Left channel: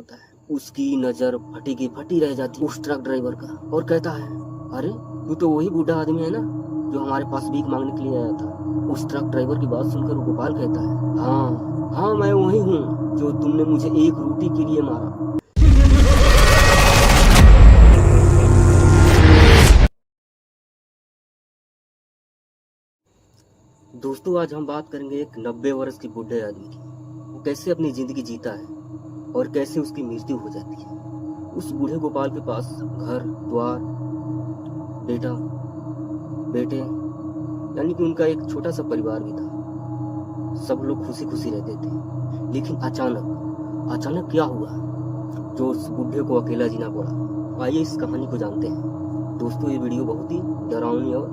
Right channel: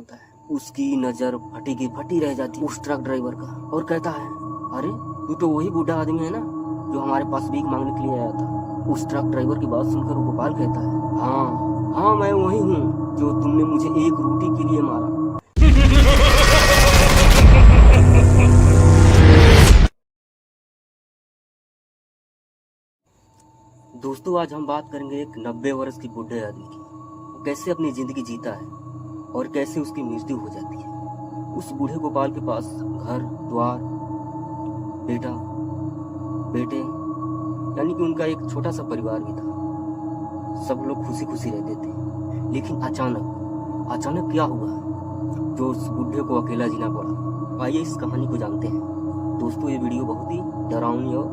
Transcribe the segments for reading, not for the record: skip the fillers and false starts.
होता है। उसकी नज़र फटी की फटी रह जाती है उस ट्रक ड्राइवर का और कहता है, अरे तू तो वही बूढ़ा आदमी है ना जो हमारे पास भीख मांगने के लिए आया था। उस ट्रक ड्राइवर की बात सुनकर गोपाल कहता है, हाँ मैं वही हूँ जो तुमने मुझे एक रोटी के लिए मारा। दोस्तों, आज हम बात करेंगे एक 90 वर्ष की बूढ़े आदमी की। वो कैसे अपनी जिंदगी जीता है और कैसे उसकी मृत्यु हो जाती है। उस बूढ़े गोपाल के पास घर द्वार, बेटा, बेटे, यानी कि उनका एक छोटा सा परिवार भी था। सब लोग खुशी खुशी रहते थे। लेकिन अचानक क्या हुआ जो उस बूढ़े को अकेला जीना पड़ा। आइए इस कहानी को जानते हैं। दोस्तों, ये वीडियो बहुत ही डरावनी और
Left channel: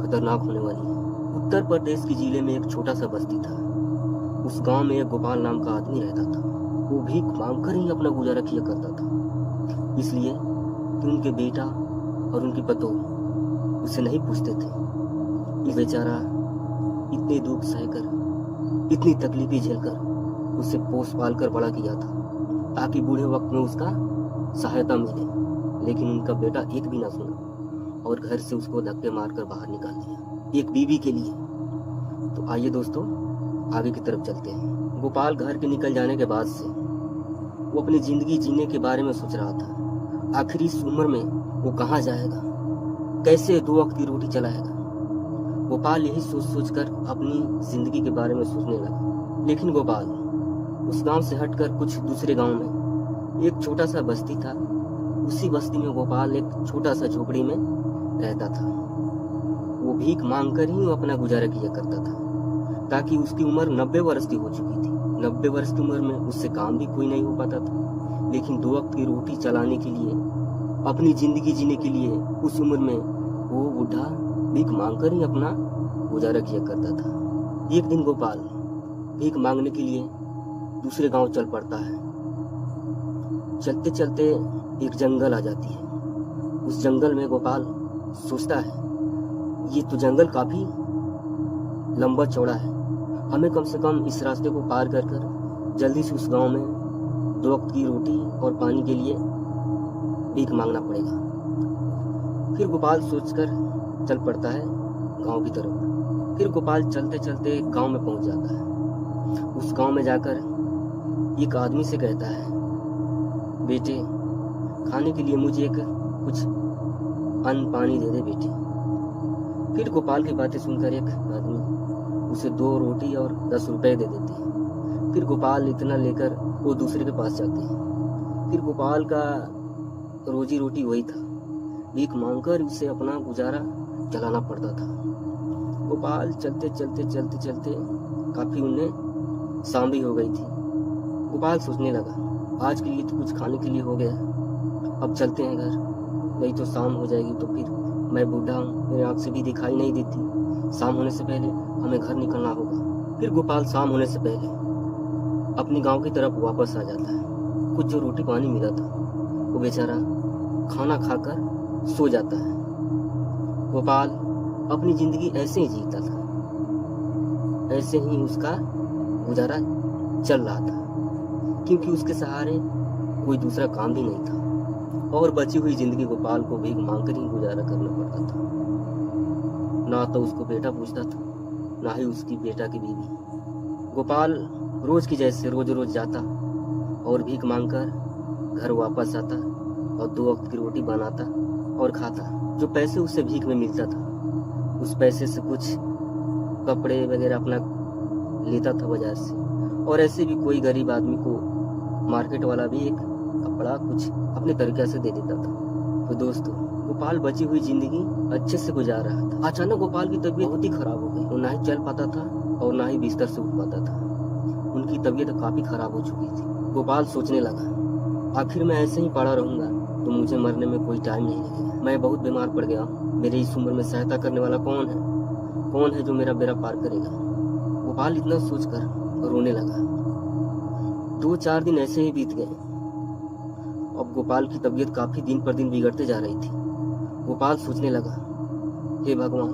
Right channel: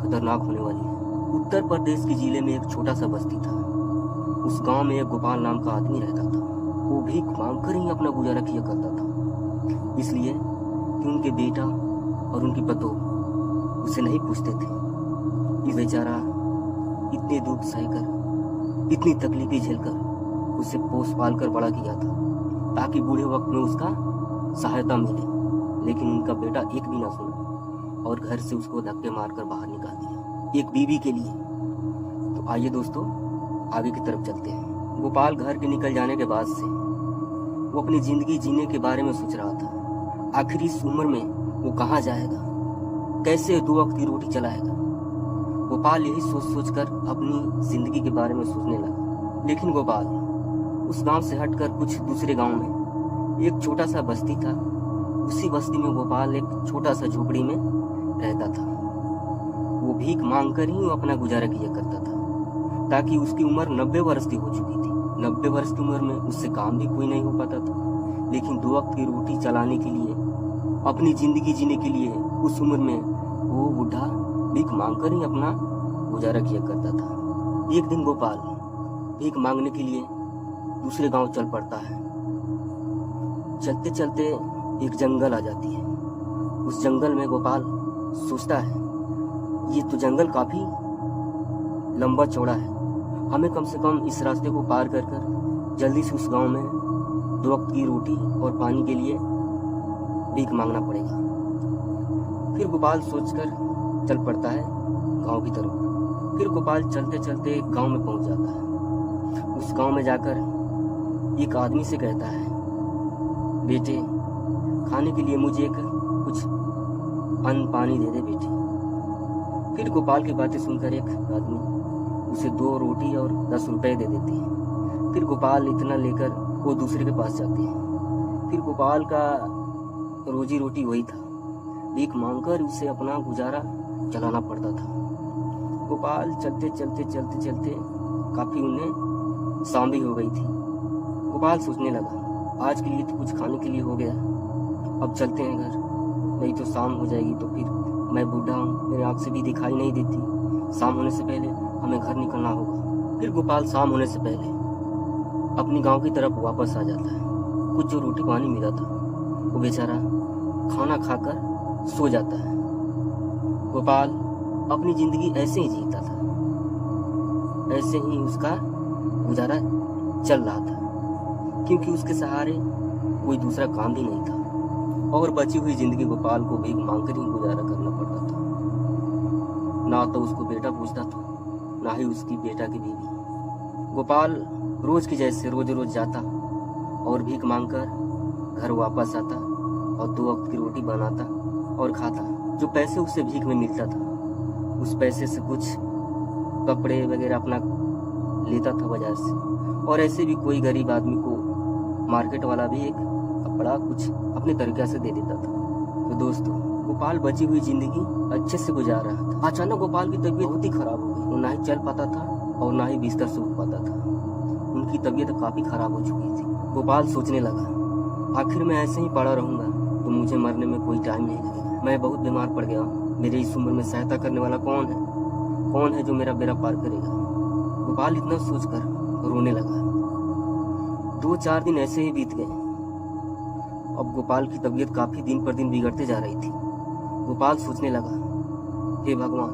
खतरनाक होने वाली है। उत्तर प्रदेश के जिले में एक छोटा सा बस्ती था। उस गांव में एक गोपाल नाम का आदमी रहता था। वो भीख मांगकर ही अपना गुजारा किया करता था, इसलिए कि उनके बेटा और उनकी पतोह उसे नहीं पूछते थे। ये बेचारा इतने दुख सहकर, इतनी तकलीफें झेलकर उसे पोस पाल कर बड़ा किया था ताकि बूढ़े वक्त में उसका सहायता मिले। लेकिन उनका बेटा एक भी ना सुना और घर से उसको धक्के मारकर बाहर निकाल दिया, एक बीवी के लिए। तो आइए दोस्तों, आगे की तरफ चलते हैं। गोपाल घर के निकल जाने के बाद से वो अपनी जिंदगी जीने के बारे में सोच रहा था। आखिर इस उम्र में वो कहाँ जाएगा, कैसे 2 वक्त की रोटी चलाएगा। गोपाल यही सोच कर अपनी जिंदगी के बारे में सोचने लगा। लेकिन गोपाल उस गांव से हटकर कुछ दूसरे गांव में एक छोटा सा बस्ती था। उसी बस्ती में गोपाल एक छोटा सा झोपड़ी में रहता था। वो भीख मांगकर ही अपना गुजारा किया करता था ताकि उसकी उम्र 90 वर्ष की हो चुकी थी। 90 वर्ष की उम्र में उससे काम भी कोई नहीं हो पाता था। लेकिन 2 वक्त की रोटी चलाने के लिए, अपनी जिंदगी जीने के लिए उस उम्र में वो बूढ़ा भीख मांगकर ही अपना गुजारा किया करता था। एक दिन गोपाल भीख मांगने के लिए दूसरे गांव चल पड़ता है। चलते चलते एक जंगल आ जाती है। उस जंगल में गोपाल सोचता है, ये तो जंगल काफी लंबा चौड़ा है, हमें कम से कम इस रास्ते को पार कर जल्दी से उस गांव में 2 वक्त की रोटी और पानी के लिए भीख मांगना पड़ेगा। फिर गोपाल सोचकर चल पड़ता है गांव की तरफ। फिर गोपाल चलते चलते गांव में पहुंच जाता है। उस गांव में जाकर एक आदमी से कहता है, बेटे खाने के लिए मुझे एक कुछ अन्न पानी दे दे बेटे। फिर गोपाल की बातें सुनकर एक आदमी उसे 2 रोटी और 10 रुपए दे देती है। फिर गोपाल इतना लेकर वो दूसरे के पास जाते हैं। फिर गोपाल का रोजी रोटी वही था, भीख मांगकर उसे अपना गुजारा चलाना पड़ता था। गोपाल चलते चलते काफी उन्हें शाम भी हो गई थी। गोपाल सोचने लगा, आज के लिए तो कुछ खाने के लिए हो गया, अब चलते हैं घर, नहीं तो शाम हो जाएगी तो फिर मैं बूढ़ा हूँ, मेरे आँख से भी दिखाई नहीं देती। शाम होने से पहले हमें घर निकलना होगा। फिर गोपाल शाम होने से पहले अपनी गांव की तरफ वापस आ जाता है। कुछ जो रोटी पानी मिला था वो बेचारा खाना खाकर सो जाता है। गोपाल अपनी जिंदगी ऐसे ही जीता था, ऐसे ही उसका गुजारा चल रहा था, क्योंकि उसके सहारे कोई दूसरा काम भी नहीं था और बची हुई जिंदगी गोपाल को भीख मांगकर ही गुजारा करना पड़ता था। ना तो उसको बेटा पूछता था, ना ही उसकी बेटा की बीवी। गोपाल रोज की जैसे रोज जाता और भीख मांगकर घर वापस आता और 2 वक्त की रोटी बनाता और खाता। जो पैसे उससे भीख में मिलता था उस पैसे से कुछ कपड़े वगैरह अपना लेता था बाजार से, और ऐसे भी कोई गरीब आदमी को मार्केट वाला भी एक कपड़ा कुछ अपने तरीके से दे देता था। तो दोस्तों, गोपाल बची हुई जिंदगी अच्छे से गुजार रहा था। अचानक गोपाल की तबीयत बहुत ही खराब हो गई। वो ना ही चल पाता था और ना ही बिस्तर से उठ पाता था। उनकी तबीयत काफी खराब हो चुकी थी। गोपाल सोचने लगा, आखिर मैं ऐसे ही पड़ा रहूंगा तो मुझे मरने में कोई टाइम नहीं लगेगा। मैं बहुत बीमार पड़ गया हूँ, मेरे इस उम्र में सहायता करने वाला कौन है जो मेरा बेड़ा पार करेगा। गोपाल इतना सोचकर रोने लगा। 2-4 दिन ऐसे ही बीत गए। अब गोपाल की तबीयत काफी दिन पर दिन बिगड़ते जा रही थी। गोपाल सोचने लगा, हे भगवान,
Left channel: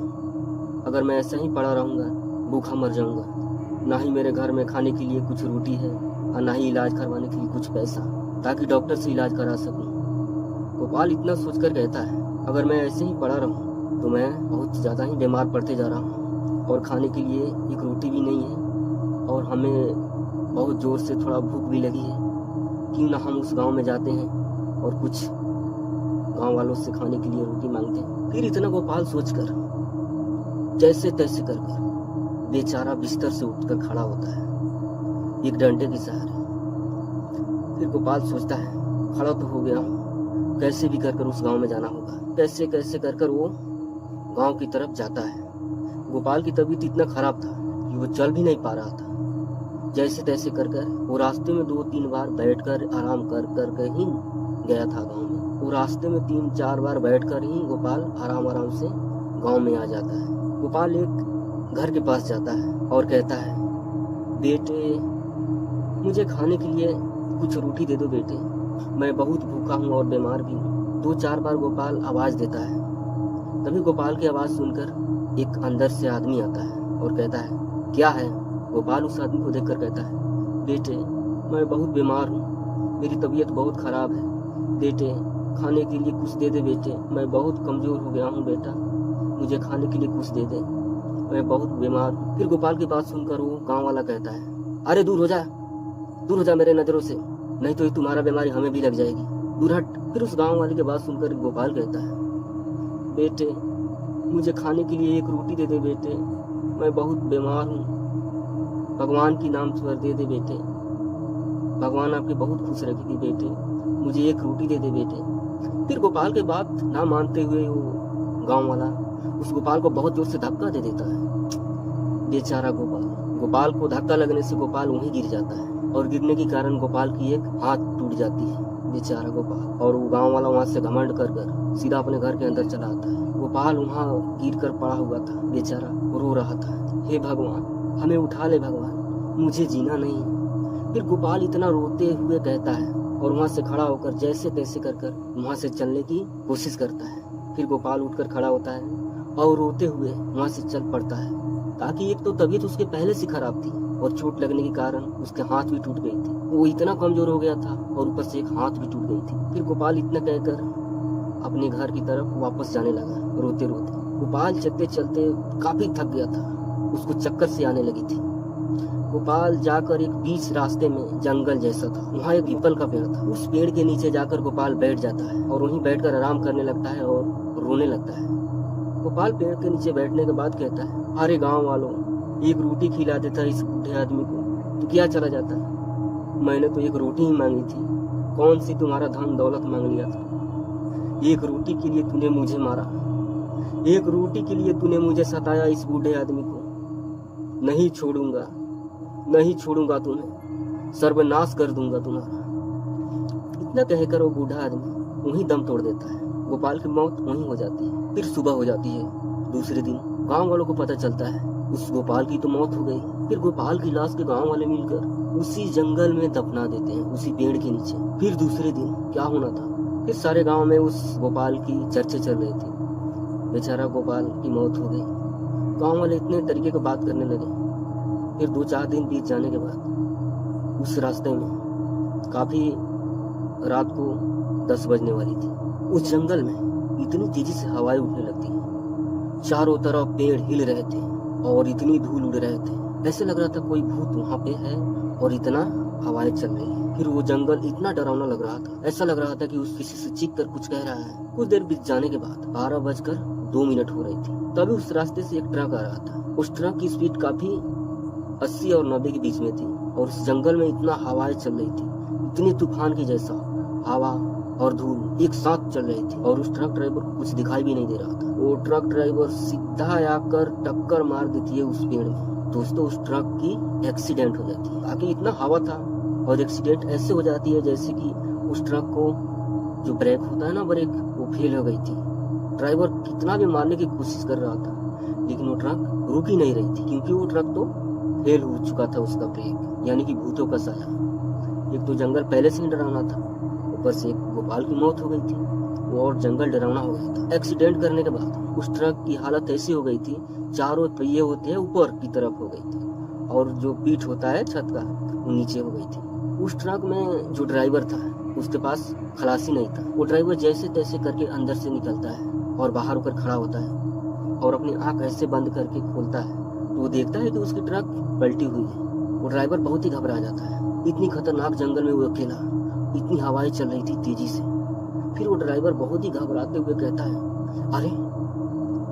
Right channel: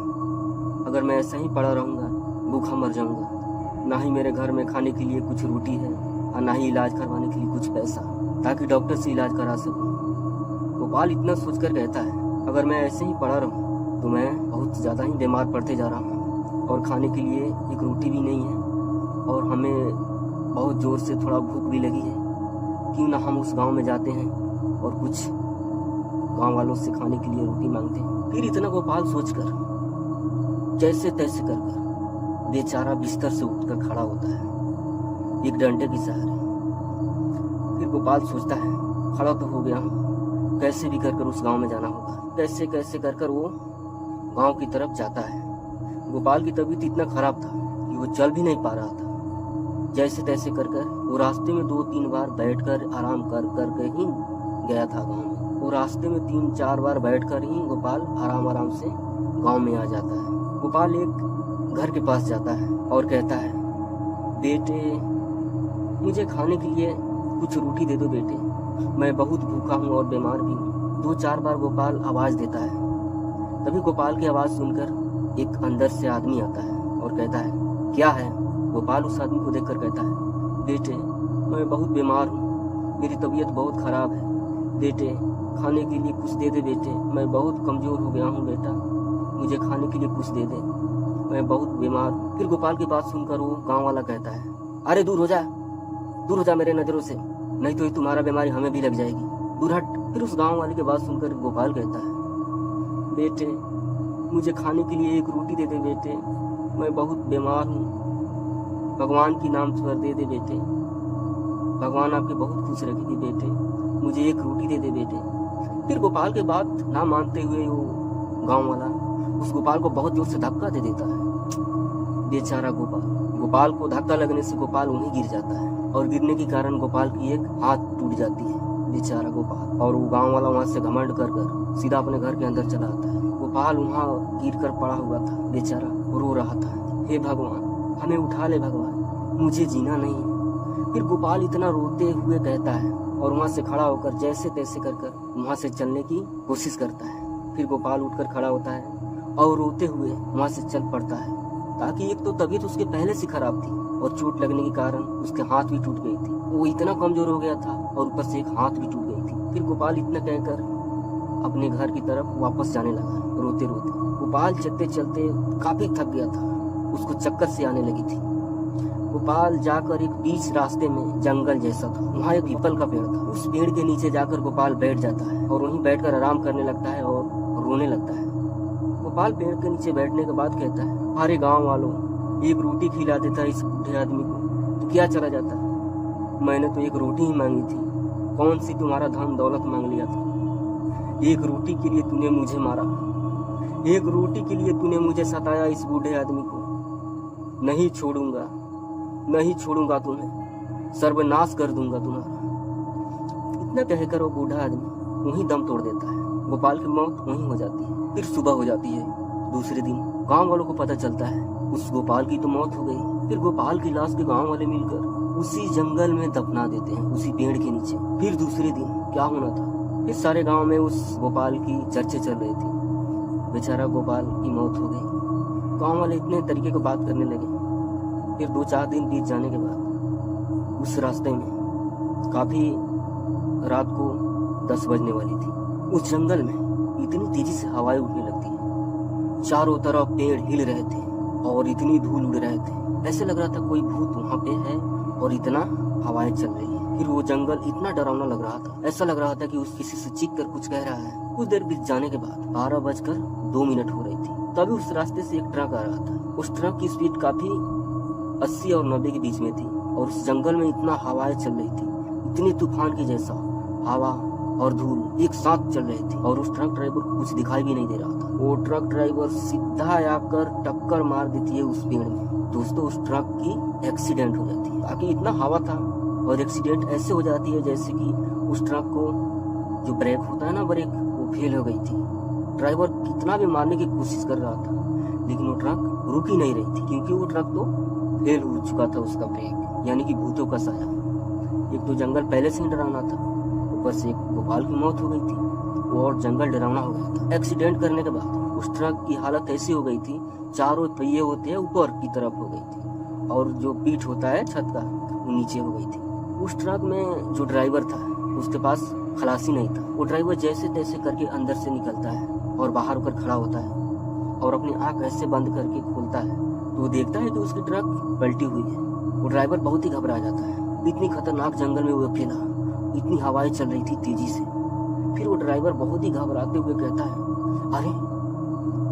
अगर मैं ऐसा ही पड़ा रहूंगा भूखा मर जाऊंगा। ना ही मेरे घर में खाने के लिए कुछ रोटी है और ना ही इलाज करवाने के लिए कुछ पैसा। ताकि डॉक्टर से इलाज करा सकूं। गोपाल इतना सोचकर कहता है, अगर मैं ऐसे ही पड़ा रहूं तो मैं बहुत ज़्यादा ही बीमार पड़ते जा रहा हूं और खाने के लिए एक रोटी भी नहीं है और हमें बहुत ज़ोर से थोड़ा भूख भी लगी है। क्यों ना हम उस गांव में जाते हैं और कुछ गांव वालों से खाने के लिए रोटी मांगते हैं। फिर इतना गोपाल सोचकर जैसे तैसे कर बेचारा बिस्तर से उठकर खड़ा होता है एक डंडे के सहारे। फिर गोपाल सोचता है, खड़ा तो हो गया हूँ, कैसे भी कर उस गांव में जाना होगा। कैसे कैसे कर वो गांव की तरफ जाता है। गोपाल की तबीयत इतना खराब था कि वो चल भी नहीं पा रहा था। जैसे तैसे कर वो रास्ते में 2-3 बार बैठकर आराम कर ही गया था गांव में। वो रास्ते में 3-4 बार बैठकर ही गोपाल आराम से गांव में आ जाता है। गोपाल एक घर के पास जाता है और कहता है, बेटे मुझे खाने के लिए कुछ रोटी दे दो बेटे, मैं बहुत भूखा हूँ और बीमार भी हूँ। 2-4 बार गोपाल आवाज देता है। तभी गोपाल की आवाज सुनकर एक अंदर से आदमी आता है और कहता है, क्या है? गोपाल उस आदमी को देखकर कहता है, बेटे मैं बहुत बीमार हूँ, मेरी तबीयत बहुत खराब है, बेटे खाने के लिए कुछ दे दे बेटे, मैं बहुत कमजोर हो गया हूँ बेटा, मुझे खाने के लिए कुछ दे दे, मैं बहुत बीमार हूँ। फिर गोपाल की बात सुनकर वो गांव वाला कहता है, अरे दूर हो जा मेरे नजरों से, नहीं तो ये तुम्हारा बीमारी हमें भी लग जाएगी, दूर हट। फिर उस गांव वाले की बात सुनकर गोपाल कहता है, बेटे मुझे खाने के लिए एक रोटी दे दे बेटे, मैं बहुत बीमार हूँ, भगवान की नाम पर दे दे बेटे, भगवान आपके बहुत खुश रखेगी बेटे, मुझे एक रोटी दे दे बेटे। फिर गोपाल के बात ना मानते हुए वो गांव वाला उस गोपाल को बहुत जोर से धक्का दे देता है। बेचारा गोपाल को धक्का लगने से गोपाल वहीं गिर जाता है और गिरने के कारण गोपाल की एक हाथ टूट जाती है। बेचारा गोपाल, और वो गांव वाला वहां से घमंड कर सीधा अपने घर के अंदर चला आता है। गोपाल वहां गिर कर पड़ा हुआ था, बेचारा रो रहा था, हे भगवान हमें उठा ले भगवान, मुझे जीना नहीं है। फिर गोपाल इतना रोते हुए कहता है और वहां से खड़ा होकर जैसे तैसे कर वहां से चलने की कोशिश करता है। फिर गोपाल उठकर खड़ा होता है और रोते हुए वहां से चल पड़ता है, ताकि एक तो तबीयत उसके पहले से खराब थी और चोट लगने के कारण उसके हाथ भी टूट गई थी, वो इतना कमजोर हो गया था और ऊपर से एक हाथ भी टूट गई थी। फिर गोपाल इतना कहकर अपने घर की तरफ वापस जाने लगा रोते रोते। गोपाल चलते चलते काफी थक गया था, उसको चक्कर से आने लगी थी। गोपाल जाकर एक बीच रास्ते में जंगल जैसा था, वहाँ एक पीपल का पेड़ था, उस पेड़ के नीचे जाकर गोपाल बैठ जाता है और वहीं बैठकर आराम करने लगता है और रोने लगता है। गोपाल पेड़ के नीचे बैठने के बाद कहता है, अरे गांव वालों, एक रोटी खिला देता इस बूढ़े आदमी को तो क्या चला जाता, मैंने तो एक रोटी ही मांगी थी, कौन सी तुम्हारा धन दौलत मांग लिया था। एक रोटी के लिए तूने मुझे मारा, एक रोटी के लिए तूने मुझे सताया इस बूढ़े आदमी को, नहीं छोड़ूंगा तुम्हें, सर्वनाश कर दूंगा तुम्हारा। इतना कहकर वो बूढ़ा आदमी वहीं दम तोड़ देता है। गोपाल की मौत वहीं हो जाती है। फिर सुबह हो जाती है दूसरे दिन, गांव वालों को पता चलता है उस गोपाल की तो मौत हो गई। फिर गोपाल की लाश के गांव वाले मिलकर उसी जंगल में दफना देते हैं, उसी पेड़ के नीचे। फिर दूसरे दिन क्या होना था, फिर सारे गांव में उस गोपाल की चर्चा चल रही थी, बेचारा गोपाल की मौत हो गई। गांव वाले इतने तरीके की बात करने लगे। फिर 2-4 दिन बीत जाने के बाद उस रास्ते में काफी रात को 10 बजने वाली थी, उस जंगल में इतनी तेजी से हवाएं उठने लगती हैं, चारों तरफ पेड़ हिल रहे थे और इतनी धूल उड़ रहे थे, ऐसे लग रहा था कोई भूत वहां पे है और इतना हवाएं चल रही है। फिर वो जंगल इतना डरावना लग रहा था, ऐसा लग रहा था कि उस किसी से चीख कर कुछ कह रहा है। कुछ देर बीत जाने के बाद 12:02 हो रही थी, तभी उस रास्ते से एक ट्रक आ रहा था। उस ट्रक की स्पीड काफी 80 और 90 के बीच में थी और उस जंगल में इतना हवाएं चल रही थी, इतनी तूफान की जैसा हवा और धूल एक साथ चल रही थी और उस ट्रक ड्राइवर को कुछ दिखाई भी नहीं दे रहा था। वो ट्रक ड्राइवर सीधा आकर टक्कर मार देती है उस पेड़ में। दोस्तों उस ट्रक की एक्सीडेंट हो जाती है, ताकि इतना हवा था और एक्सीडेंट ऐसे हो जाती है जैसे कि उस ट्रक को जो ब्रेक होता है ना, ब्रेक, वो फेल हो गई थी। ड्राइवर कितना भी मारने की कोशिश कर रहा था लेकिन वो ट्रक रुक ही नहीं रही थी, क्योंकि वो ट्रक तो फेल हो चुका था उसका ब्रेक, यानी कि भूतों का साया। एक तो जंगल पहले से ही डरावना था, ऊपर से एक गोपाल की मौत हो गई थी, वो और जंगल डरावना हो गया था। एक्सीडेंट करने के बाद उस ट्रक की हालत ऐसी हो गई थी, चारों पहिए होते हैं ऊपर की तरफ हो गई थी और जो पीठ होता है छत का वो नीचे हो गई थी। उस ट्रक में जो ड्राइवर था उसके पास खलासी नहीं था। वो ड्राइवर जैसे तैसे करके अंदर से निकलता है और बाहर होकर खड़ा होता है और अपनी आंख ऐसे बंद करके खोलता है तो वो देखता है कि उसकी ट्रक पलटी हुई है। वो ड्राइवर बहुत ही घबरा जाता है। इतनी खतरनाक जंगल में वो अकेला, इतनी हवाएं चल रही थी तेजी से। फिर वो ड्राइवर बहुत ही घबराते हुए कहता है, अरे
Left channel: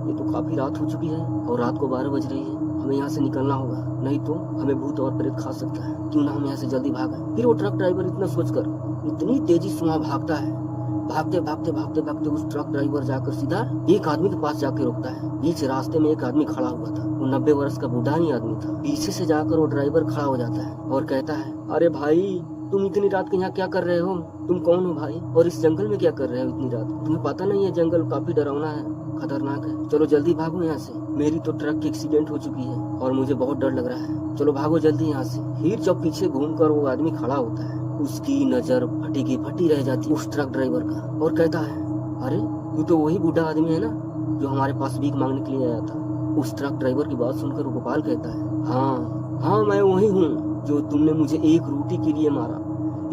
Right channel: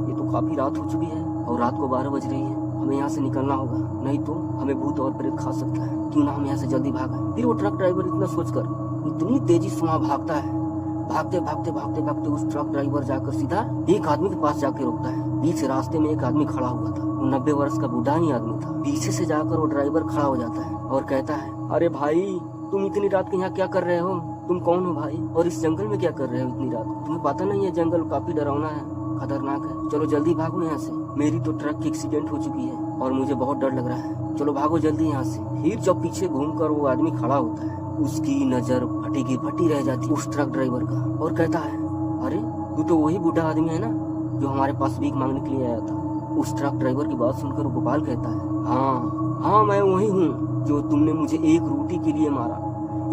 ये तो काफी रात हो चुकी है और रात को 12 बज रही है। हमें यहाँ से निकलना होगा, नहीं तो हमें भूत और प्रेत खा सकता है। क्यों ना हम यहाँ से जल्दी भागें। फिर वो ट्रक ड्राइवर इतना सोचकर इतनी तेजी से वहाँ भागता है। भागते भागते भागते भागते उस ट्रक ड्राइवर जाकर सीधा एक आदमी के पास जाके रुकता है। बीच रास्ते में एक आदमी खड़ा हुआ था। वो 90 वर्ष का बूढ़ा ही आदमी था। पीछे से जाकर वो ड्राइवर खड़ा हो जाता है और कहता है, अरे भाई तुम इतनी रात के यहाँ क्या कर रहे हो? तुम कौन हो भाई और इस जंगल में क्या कर रहे हो इतनी रात? तुम्हें पता नहीं है जंगल काफी डरावना है, खतरनाक है। चलो जल्दी भागो यहाँ से। मेरी तो ट्रक की एक्सीडेंट हो चुकी है और मुझे बहुत डर लग रहा है। चलो भागो जल्दी यहाँ से। फिर जब पीछे घूमकर वो आदमी खड़ा होता है, उसकी नजर फटी की फटी रह जाती है उस ट्रक ड्राइवर का और कहता है, अरे तू तो वही बूढ़ा आदमी है ना जो हमारे पास भीख मांगने के लिए आया था। उस ट्रक ड्राइवर की बात सुनकर गोपाल कहता है, हाँ मैं वही हूँ जो तुमने मुझे एक रोटी के लिए मारा,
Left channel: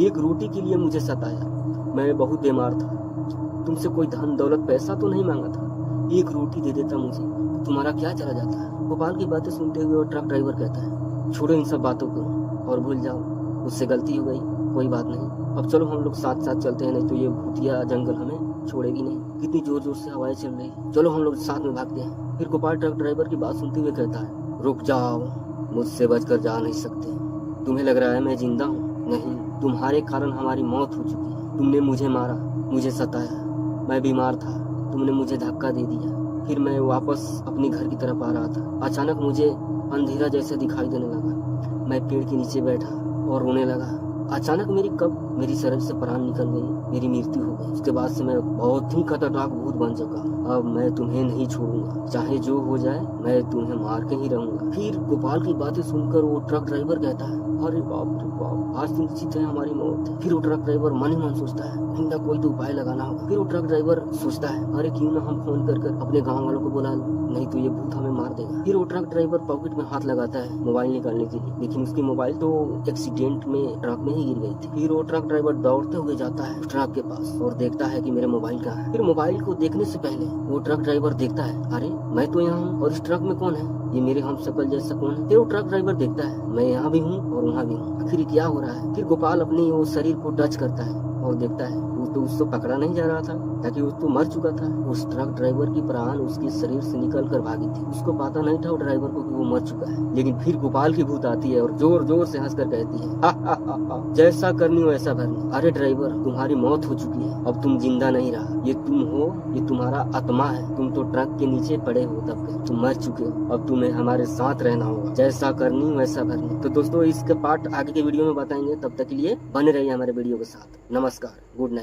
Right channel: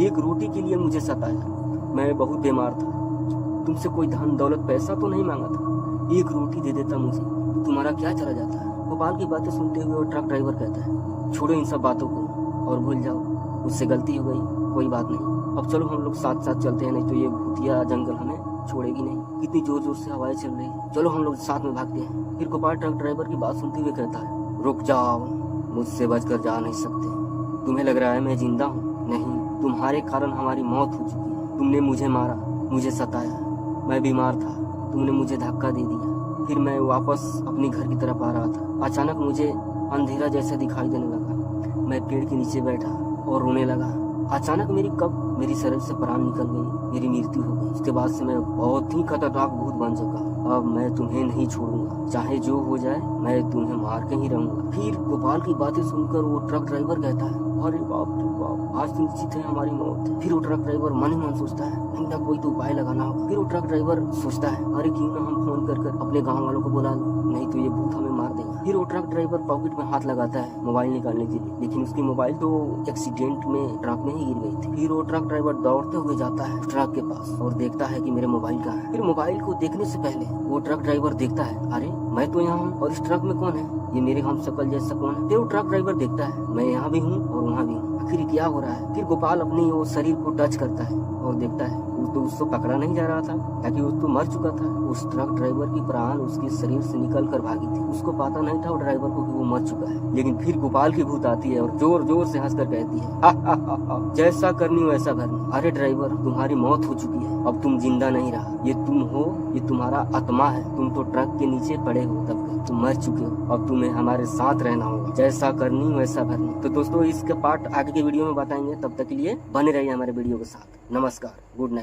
एक रोटी के लिए मुझे सताया। मैं बहुत बीमार था, तुमसे कोई धन दौलत पैसा तो नहीं मांगा था। एक रोटी दे देता मुझे तो तुम्हारा क्या चला जाता है। गोपाल की बातें सुनते हुए वो ट्रक ड्राइवर कहता है, छोड़ो इन सब बातों को और भूल जाओ, मुझसे गलती हो गई, कोई बात नहीं। अब चलो हम लोग साथ साथ चलते हैं, नहीं तो ये भूतिया जंगल हमें छोड़ेगी नहीं। कितनी जोर जोर से हवाएं चल रही, चलो हम लोग साथ में भागते हैं। फिर गोपाल ट्रक ड्राइवर की बात सुनते हुए कहता है, रुक जाओ, मुझसे बचकर जा नहीं सकते। तुम्हें लग रहा है मैं जिंदा हूँ? नहीं, तुम्हारे कारण हमारी मौत हो चुकी है। तुमने मुझे मारा, मुझे सताया, मैं बीमार था, तुमने मुझे धक्का दे दिया। फिर मैं वापस अपने घर की तरफ आ रहा था। अचानक मुझे अंधेरा जैसा दिखाई देने लगा। मैं पेड़ के नीचे बैठा और रोने लगा। अचानक मेरी शरीर से प्राण निकल गई, मेरी मृत्यु हो गई। उसके बाद से मैं बहुत ही खतरनाक भूत बन चुका। अब मैं तुम्हें नहीं छोड़ूंगा, चाहे जो हो जाए मैं तुम्हें मार के ही रहूंगा। फिर गोपाल की बातें सुनकर वो ट्रक ड्राइवर कहता है, अरे बाप रे बाप, आज तो निश्चित है हमारी मौत। फिर वो ट्रक ड्राइवर मन ही मन सोचता है, कोई ना कोई तो उपाय लगाना होगा। फिर वो ट्रक ड्राइवर सोचता है, अरे क्यों ना हम फोन कर अपने गाँव वालों को बुला लो, नहीं तो ये भूत हमें मार देगा। फिर वो ट्रक ड्राइवर पॉकेट में हाथ लगाता है मोबाइल निकालने के लिए, लेकिन उसकी मोबाइल तो एक्सीडेंट में ट्रक में ही गिर गई थी। फिर वो ट्रक ड्राइवर दौड़ते हुए जाता है ट्रक के पास और देखता है कि मेरे मोबाइल कहाँ है। फिर मोबाइल को देखने से पहले वो ट्रक ड्राइवर देखता है, अरे मैं तो यहाँ हूँ और इस ट्रक में कौन है? ये मेरे हमशक्ल जैसा कौन है? फिर वो ट्रक ड्राइवर देखता है, मैं यहाँ भी हूँ और वहाँ भी हूँ, आखिर क्या हो रहा है? फिर गोपाल अपनी वो शरीर को टच करता है और देखता है वो तो उसको पकड़ा नहीं जा रहा था, ताकि वो तो मर चुका था। उस ट्रक ड्राइवर की प्राण उसके शरीर से निकल कर भागी थी। उसको पता नहीं था वो ड्राइवर को कि वो मर चुका है। लेकिन फिर गोपाल की भूत आती है और जोर जोर से हंसकर कहती है, हा हा हा हा, जैसा करनी वैसा भरनी। अरे ड्राइवर, तुम्हारी मौत हो चुकी है, अब तुम जिंदा नहीं रहा। ये तुम हो, ये तुम्हारा आत्मा है। तुम तो ट्रक के नीचे पड़े हो, तब तुम मर चुके हो। अब तुम्हें हमारे साथ रहना होगा, जैसा करनी वैसा भरनी। तो दोस्तों इसके पार्ट आगे के वीडियो में बताएंगे, तब तक के लिए बने रहिए हमारे वीडियो के साथ। नमस्कार, गुड नाइट।